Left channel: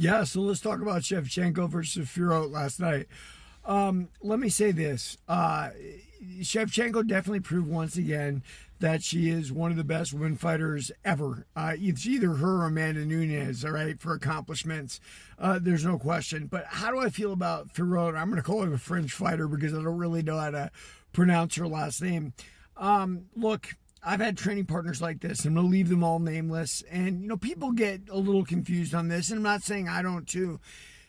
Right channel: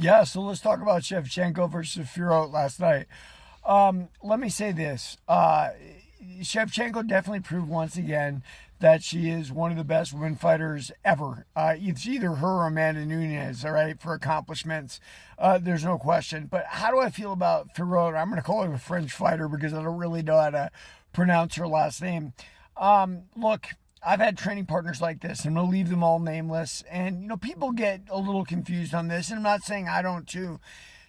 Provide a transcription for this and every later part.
Yeah, so let's talk about Shevchenko versus Fiorot last night. Let me say this. Shevchenko definitely proved once again that she is one of the best women fighters ever. It's either her or Amanda Nunes, all right, for accomplishments. There's no question. But how do I feel about Fiorot? I'm going to call her a French fighter because I don't really know how to pronounce her last name. Look, I've had training partners like this. I'm going to leave them all nameless. And, people get a little confused on this. And I'm not saying I don't too.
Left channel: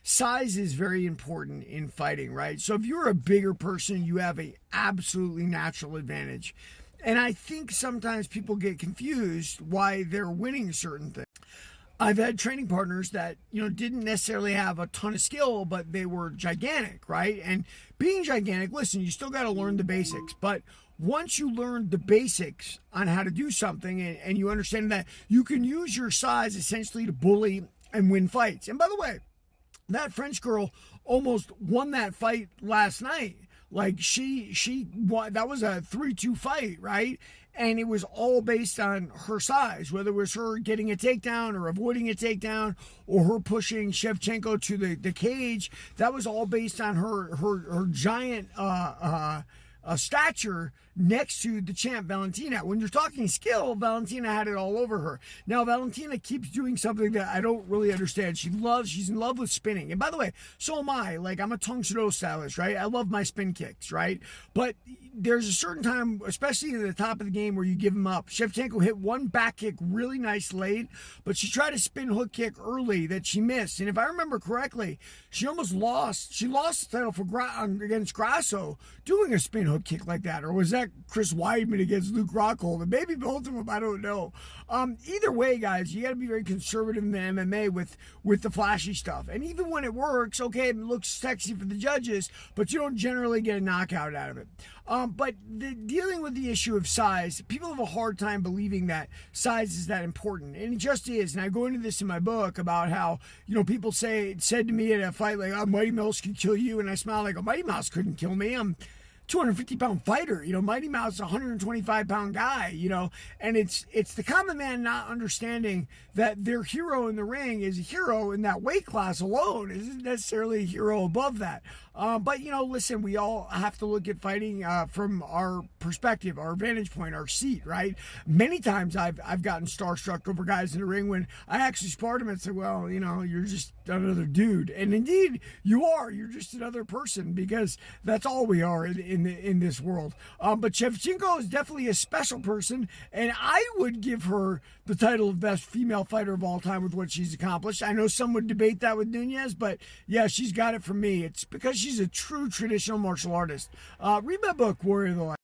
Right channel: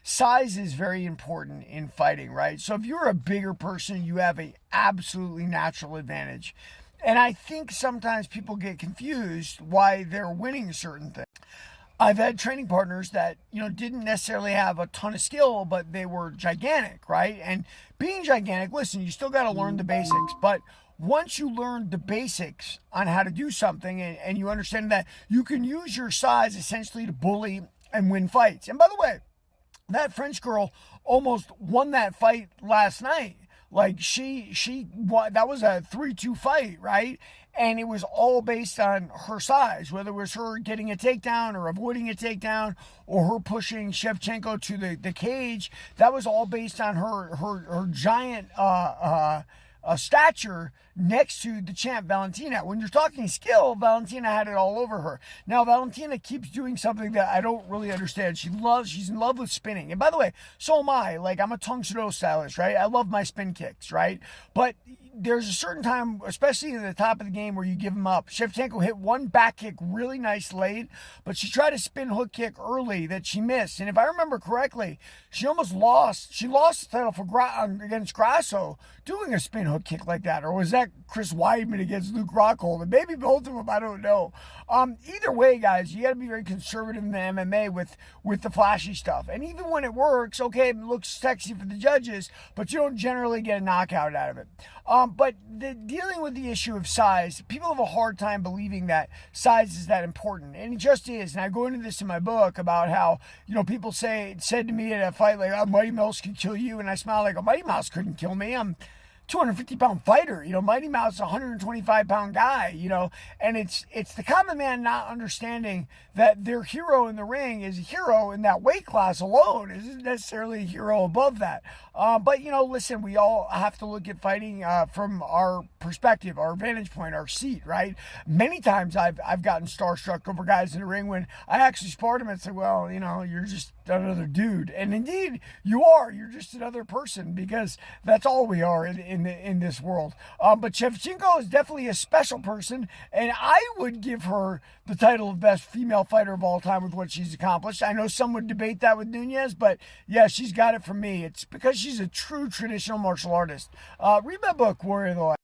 Size is very important in fighting, right? So if you're a bigger person, you have a absolutely natural advantage. And I think sometimes people get confused why they're winning certain things. I've had training partners that, didn't necessarily have a ton of skill, but they were gigantic, right? And being gigantic, listen, you still got to learn the basics. But once you learn the basics on how to do something and you understand that you can use your size essentially to bully and win fights. And by the way, that French girl almost won that fight last night. Like that was a 3-2 fight, right? And it was all based on her size, whether it was her getting a takedown or avoiding a takedown or her pushing Shevchenko to the cage. That was all based on her giant stature next to the champ Valentina. When you're talking skill, Valentina had it all over her. Now Valentina keeps doing something that I don't really understand. She's in love with spinning. And by the way, so am I. Like, I'm a Tong Soo stylist, right? I love my spin kicks, right? But there's a certain time, especially at the top of the game, where you give them up. Shevchenko hit one back kick really nice late, but she tried a spin hook kick early that she missed. And if I remember correctly, she almost lost. She lost the title against Grasso doing a spin hook kick like that. Or was that Chris Weidman against Luke Rockhold? And maybe both of them, I don't know. Either way, guys, you got to be very conservative in the MMA with the flashy stuff. And even when it works, okay, it looks sexy for the judges, but you don't generally get a knockout out of it. But dealing with the issue of size, people have a hard time believing that size is that important. And it just is. And I go into this in my book about how, people said to me at a fight, like, oh, Mighty Mouse could kill you. And I smile like, oh, Mighty Mouse couldn't kill me. I'm 250-pound fighter, Mighty Mouse is a 125-pound guy, and it's the common man not understanding that their hero in the ring is a hero in that weight class alone, isn't necessarily a hero above that. But listen, we all have to look at fighting from our perspective, our vantage point, our seat, right? Many times I've gotten starstruck over guys in the ring when I actually sparred them and said, well, you're just another dude. And indeed, you are. You're just another person, because that's all we are in this world. But Shevchenko is definitely a special person, and I would give her the title of best female fighter of all time with what she's accomplished. I know some would debate that with Nunes, but yeah, she's got it from me. It's because she's a true traditional martial artist. Read my book, Warrior of the Light.